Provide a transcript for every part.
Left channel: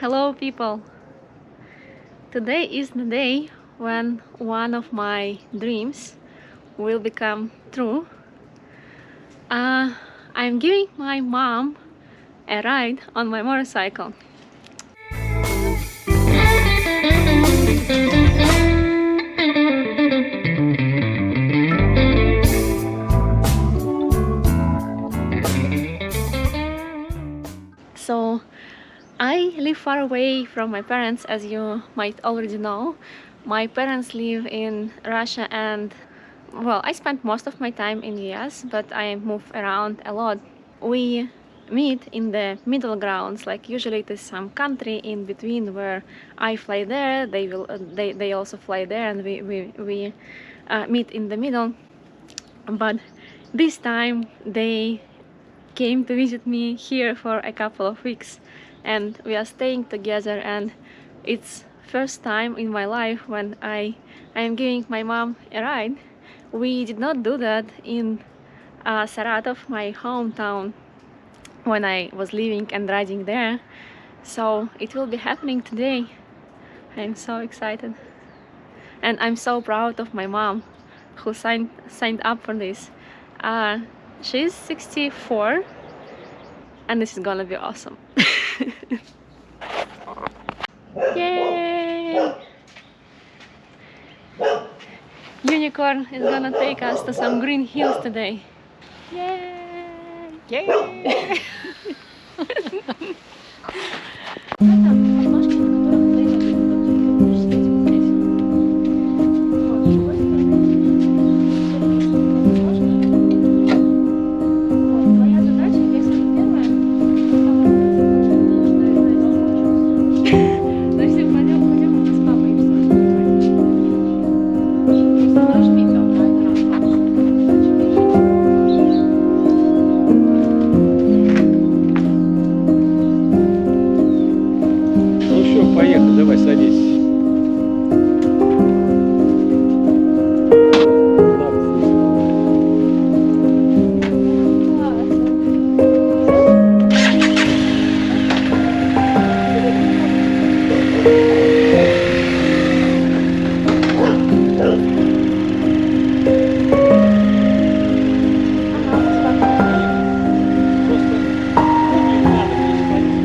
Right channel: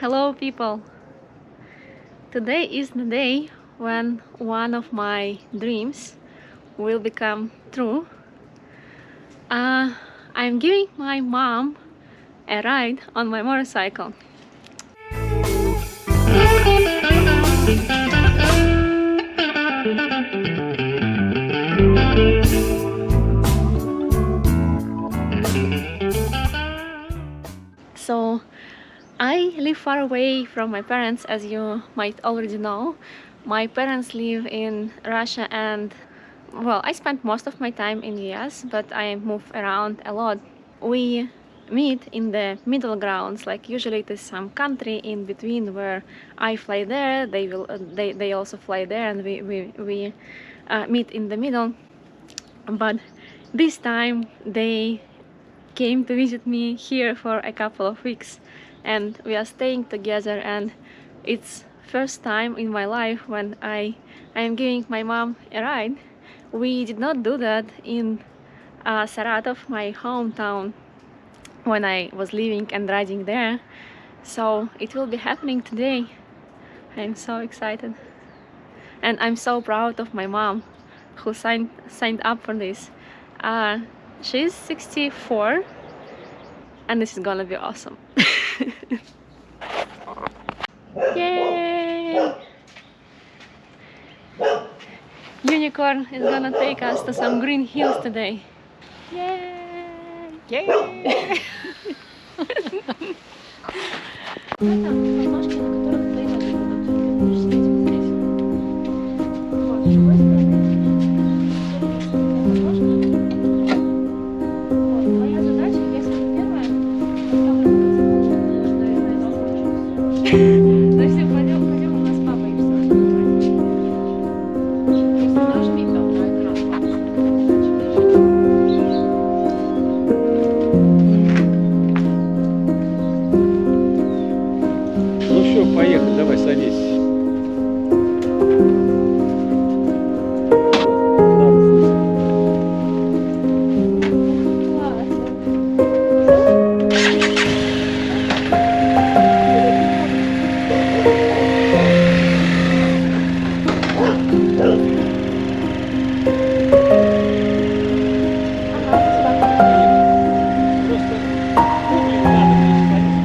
Hello, people. Today is the day when one of my dreams will become true. I'm giving my mom a ride on my motorcycle. So I live far away from my parents, as you might already know. My parents live in Russia, and well, I spent most of my time in the US, but I move around a lot. We meet in the middle grounds, like usually it is some country in between where I fly there, they also fly there, and we meet in the middle. But this time they came to visit me here for a couple of weeks, and we are staying together, and it's first time in my life when I am giving my mom a ride. We did not do that in Saratov, my hometown, when I was living and riding there, so it will be happening today. I'm so excited, and I'm so proud of my mom who signed up for this. She's 64, and this is gonna be awesome. Yay! Unicorn is gonna take us to some green hills today. Yay! Yay! Ну все, поехали, давай садись. Просто углем надо переходить.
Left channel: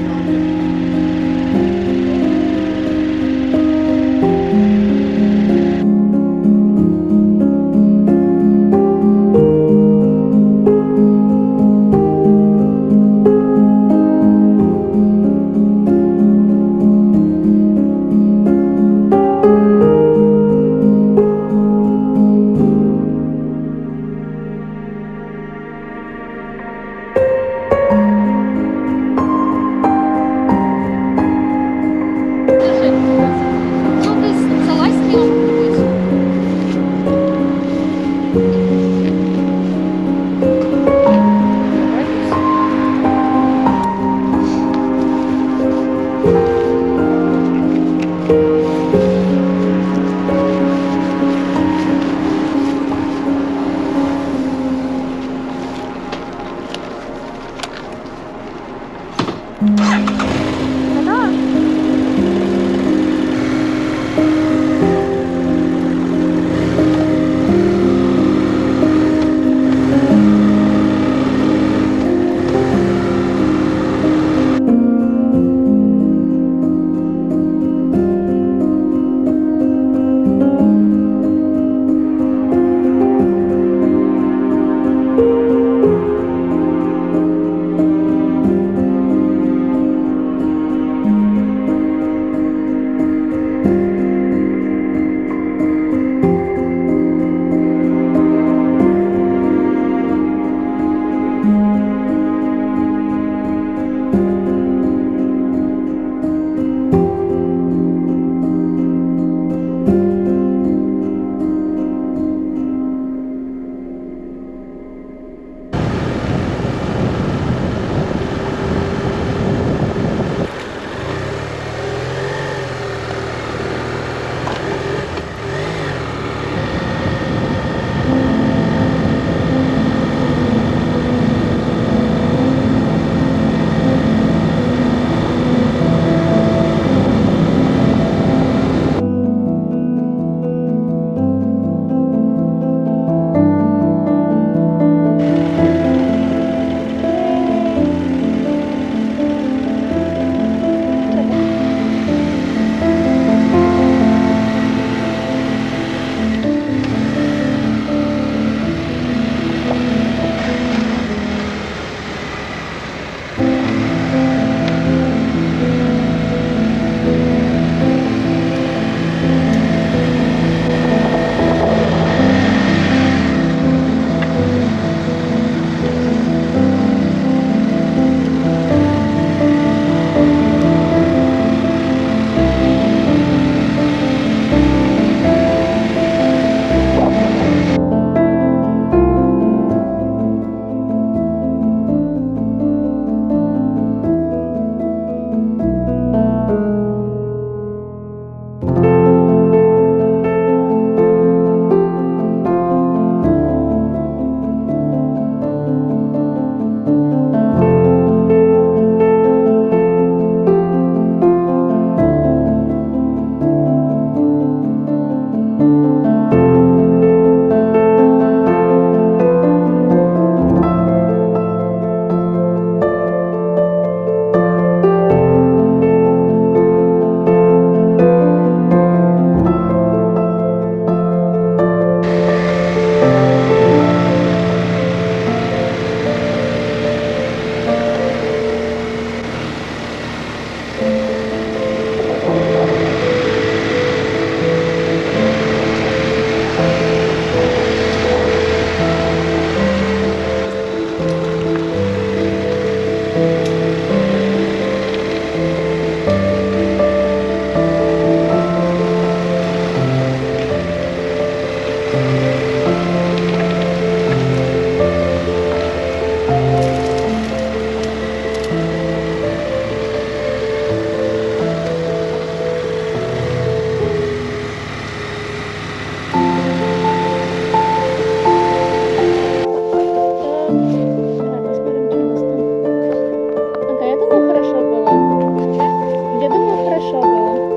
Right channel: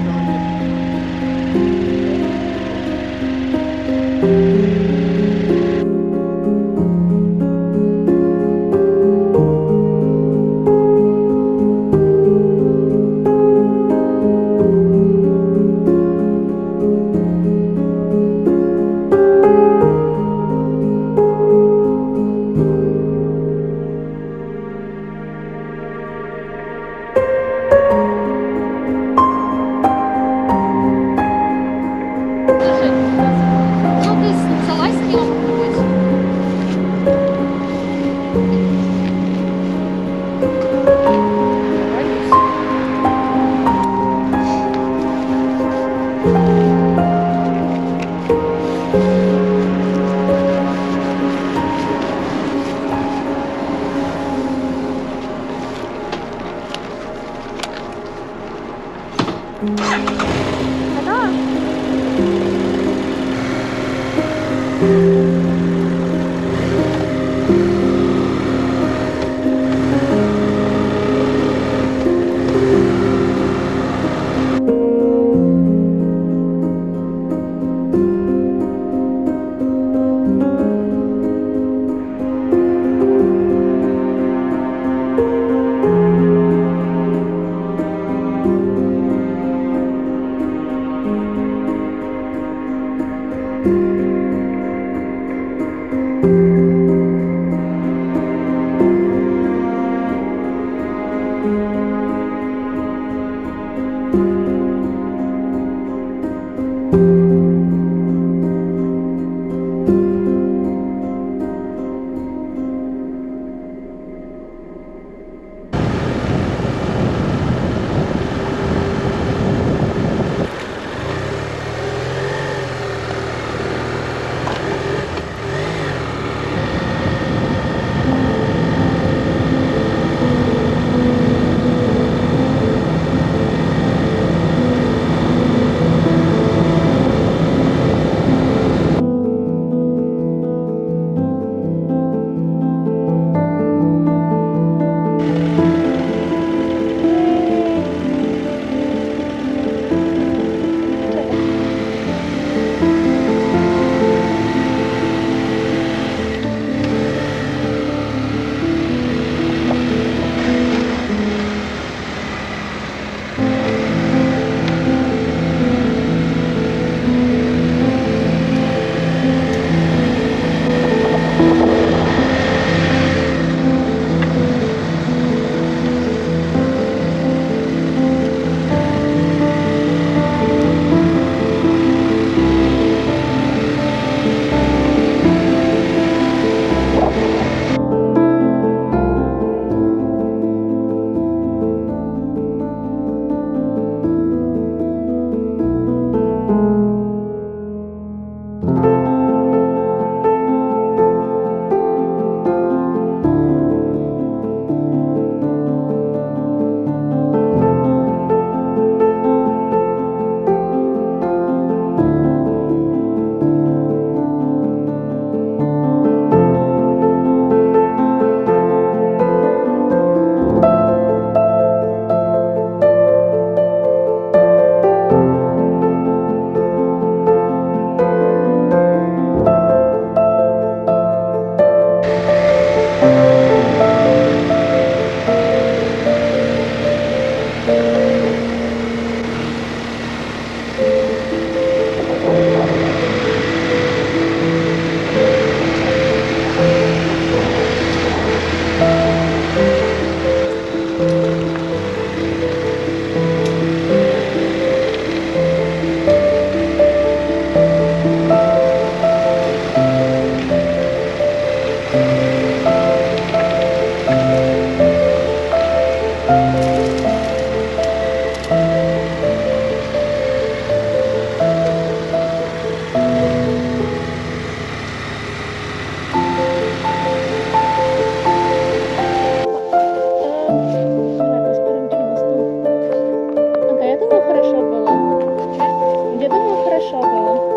що було.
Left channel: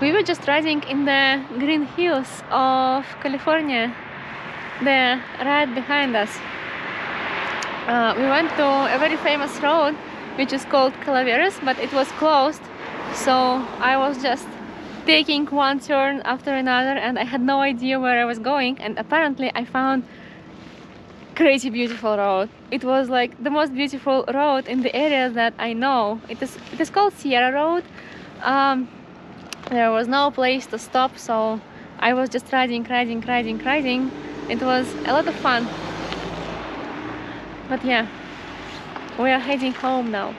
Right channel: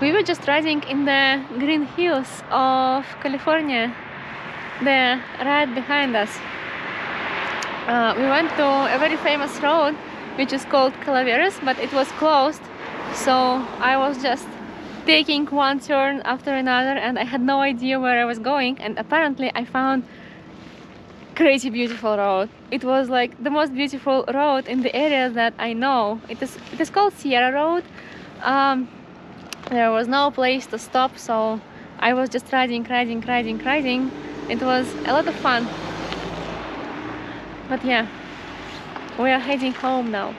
We were just riding in the green hills of California, there right behind us. We went to a very famous road which is called Calaveras, but it was closed, so I was just taking one turn after another and I had no idea where I was going, and apparently I found crazy beautiful road. It was like the most beautiful road in the area that I know. It is called Sierra Road. There was no place to stop, so I was just riding. It was a lot of fun. But yeah, we are heading home now.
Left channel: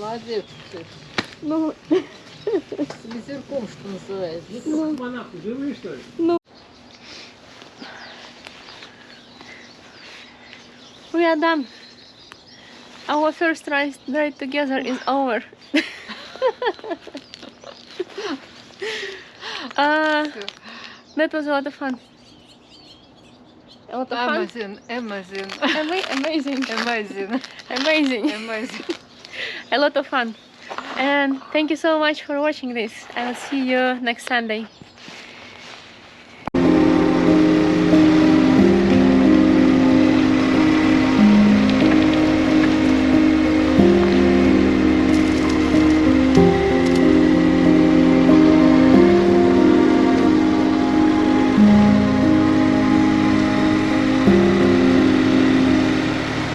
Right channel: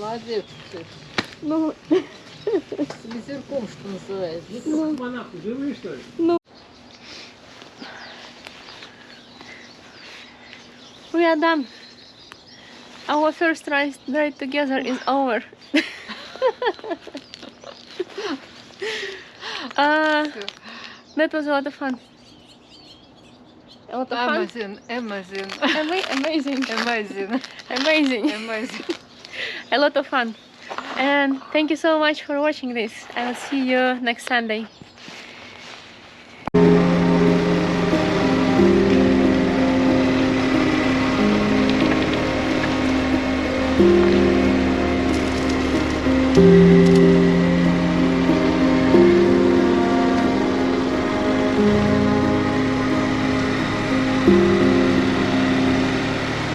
Молодец ты. Ну, С ветерком, что называется. Монахи живые, что ли? we are done. Our first ride together is over. That was a lot of fun. A lot of fun. Amazing. Amazing. A lot of fun. And thank you so much for watching this. I will see you next Sunday.